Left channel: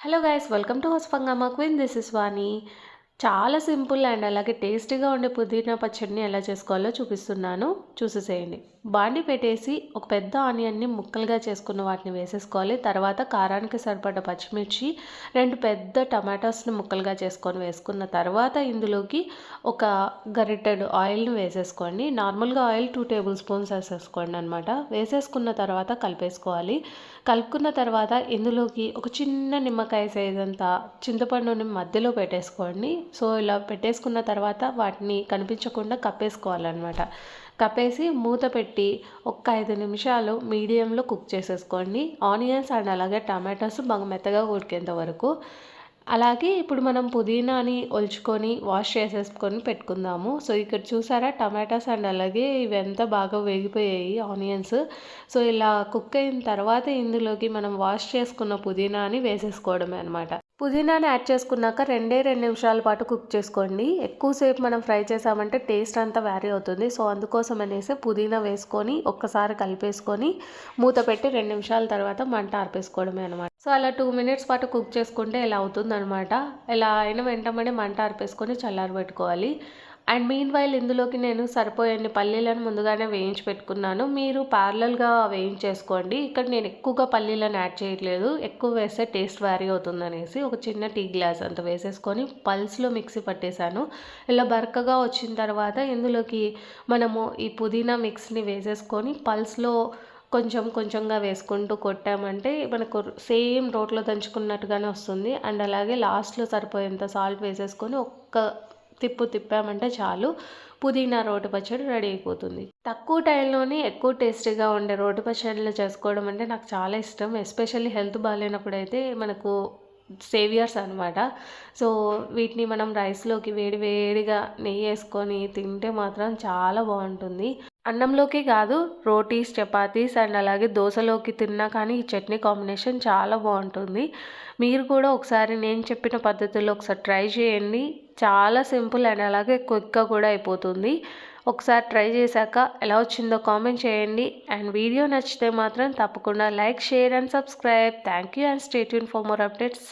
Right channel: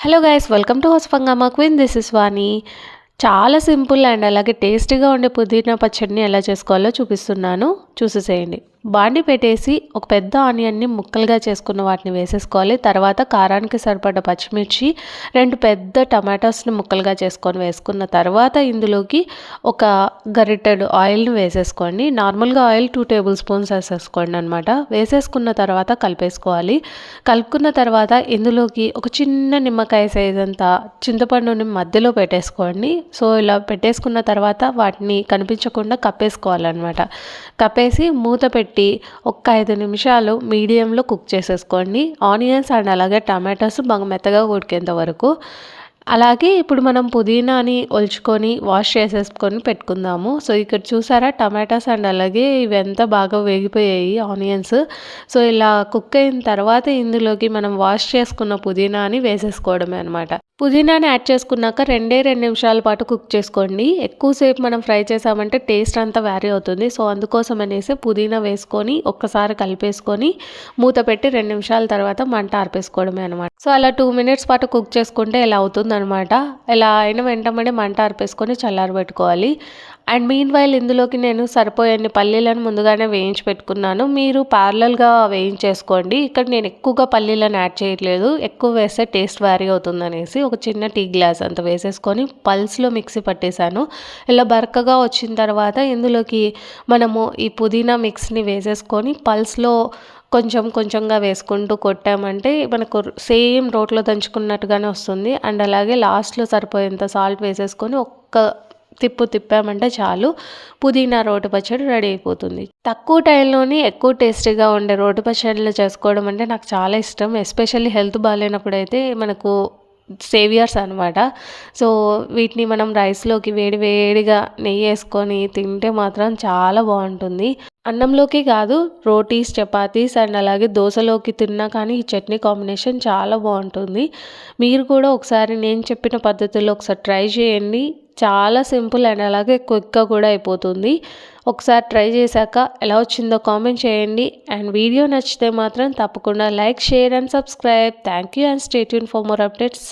Hello guys welcome to హస్ఫంగామా queen this is Vani చాలా simple and అలాగే టేస్టీగా ఉండే పుదీనా పచ్చడిని ఎలా చేసుకోవాలో చూపిస్తున్నాను. చూసేసేయండి. బాండి పెట్టేసి ఒక పెద్ద ఆనియన్ని ముక్కలుగా చేసుకున్న వాటిని వేసేసుకోవాలి. తర్వాత కారానికి సరిపడ్డ పచ్చిమిర్చి రెండు పెద్ద టమాటోస్ని ముక్కలుగా చేసుకొని వేసుకున్న తర్వాత ఇందులోకి ఒక గరిటెడ్ ఆయిల్ని వేసేసుకోండి. నార్మల్గా ఆయిల్ టూ టేబుల్ స్పూన్స్ వేసేసుకోండి అనమాట వేసేసుకున్న తర్వాత కలిపేసుకోవాలి. కలుపుకున్న తర్వాత ఇందులోకి ఒక చిన్న నిమ్మకాయ సైజ్ అంతా చింతపండుని మధ్యలో పెట్టేసుకోండి. సో ఇలా పెట్టేసుకున్న తర్వాత వాటిని కనిపించకుండా కప్పేసుకోవాలన్నమాట. కప్పేసి మూత పెట్టి పెట్టి ఒక ఐదు నిమిషాలు మీడియంలో కుక్ చేసేసుకోండి. ఆనియన్స్ అండ్ అలాగే టమాటోస్ బాగా మెత్తగా ఉడికేంత వరకు. అలాగే ఇప్పుడు మనం పుదీనాని ఒలుచుకొని వాష్ చేసేసుకొని పెట్టుకుందాము. సో ఇక్కడ చూసారా టమాటాస్ అండ్ అలాగే ఇవి ఎంత బాగా వేగిపోయాయి ఆనియన్స్. సో ఇలా కుక్ అయిన తర్వాత ఇందులోకి మనం వాష్ చేసుకున్న పుదీనాని వేసేసుకోవడమే అనమాట పుదీనాని యాడ్ చేసుకున్నాక రెండే రెండు నిమిషాల పాటు కుక్ చేసుకోండి. ఎక్కువసేపు మనం ఫ్రై చేసామంటే టేస్ట్ అంతా వ్యారీ అవుతుంది. సో అందుకోసం అనేసి పుదీనా వేసుకొని ఒక్కసారి కలిపేసుకొని మూత పెట్టి రెండు నిమిషాల తర్వాత మంట ఆర్పేసుకోవడమే అనమాట సో అలా టూ మినిట్స్ పాటు కుక్ చేసుకుంటే ఇలా అవుతుందనమాట ఇలా అయిన వెంటనే మంట ఆర్పేసుకొని చల్లారబెట్టుకోవాలి. అండ్ మీన్ వైల్ ఇందులోకి నేను సరిపోయే పల్లీలను ముందుగానే వేయించి పెట్టుకున్నాను. మీరు ప్యారలల్గా వేయించేసుకోండి. ఇక్కడ నేను ఎక్కువగా పల్లీలను యాడ్ చేయట్లేదు. ఎక్కువ వేస్తే టేస్ట్ వ్యారీ అవుతుందనేసి ఒక చిన్న టీ గ్లాస్ అంత వేసేసుకొని పల్స్లో మిక్సీ పట్టేశాను. ఇలా బరకగా వచ్చిన తర్వాత ఇందులోకి మనము ఈ పుదీనా మిక్స్ని వేసేసుకొని పల్స్లో కొంచెం కొంచెంగా వేసుకుంటూ కొట్టామంటే మనకు సేమ్ రోట్లో దంచుకున్నట్టుగానే వస్తుంది. అండ్ అలాగే లాస్ట్లో సరిపోయేంత సాల్ట్ వేసేసుకొని ఒక్క తిప్పు తిప్పామంటే చాలు. పుదీనా రోటి పచ్చడి రెడీ అయిపోతుంది. తక్కువ టైంలోని ఎక్కువ టేస్టీగా ఉండే రోటి పచ్చడిలు చేసుకోవడం అంటే నాకు చాలా ఇష్టం. ఎస్పెషల్లీ హెల్త్ బాగాలేనప్పుడు అయితే మనకు సేవియర్స్ అనమాట సో వీటిని మనం రైస్లోకి వేడి వేడిగా నెయ్యి వేసుకొని తింటే మాత్రం చాలా బాగుంటుంది. అన్నంలోకి కాదు రోటీస్ చపాతీస్ అండ్ అలాగే దోశలోకి తిన్నా కానీ ఈ చట్నీ కాంబినేషన్ చాలా బాగుంటుంది. మీరు కూడా ఒకసారి నేను చెప్పిన పద్ధతిలో ఒకసారి ట్రై చేయండి. చాలా సింపుల్ అండ్ అలాగే క్విక్గా కూడా అయిపోతుంది. ఒకసారి ట్రై చేశాక ఎలా వచ్చిందో కామెంట్ చేయండి. అండ్ వీడియో నచ్చితే మాత్రం తప్పకుండా like share and subscribe. Thank you and stay tuned for more updates.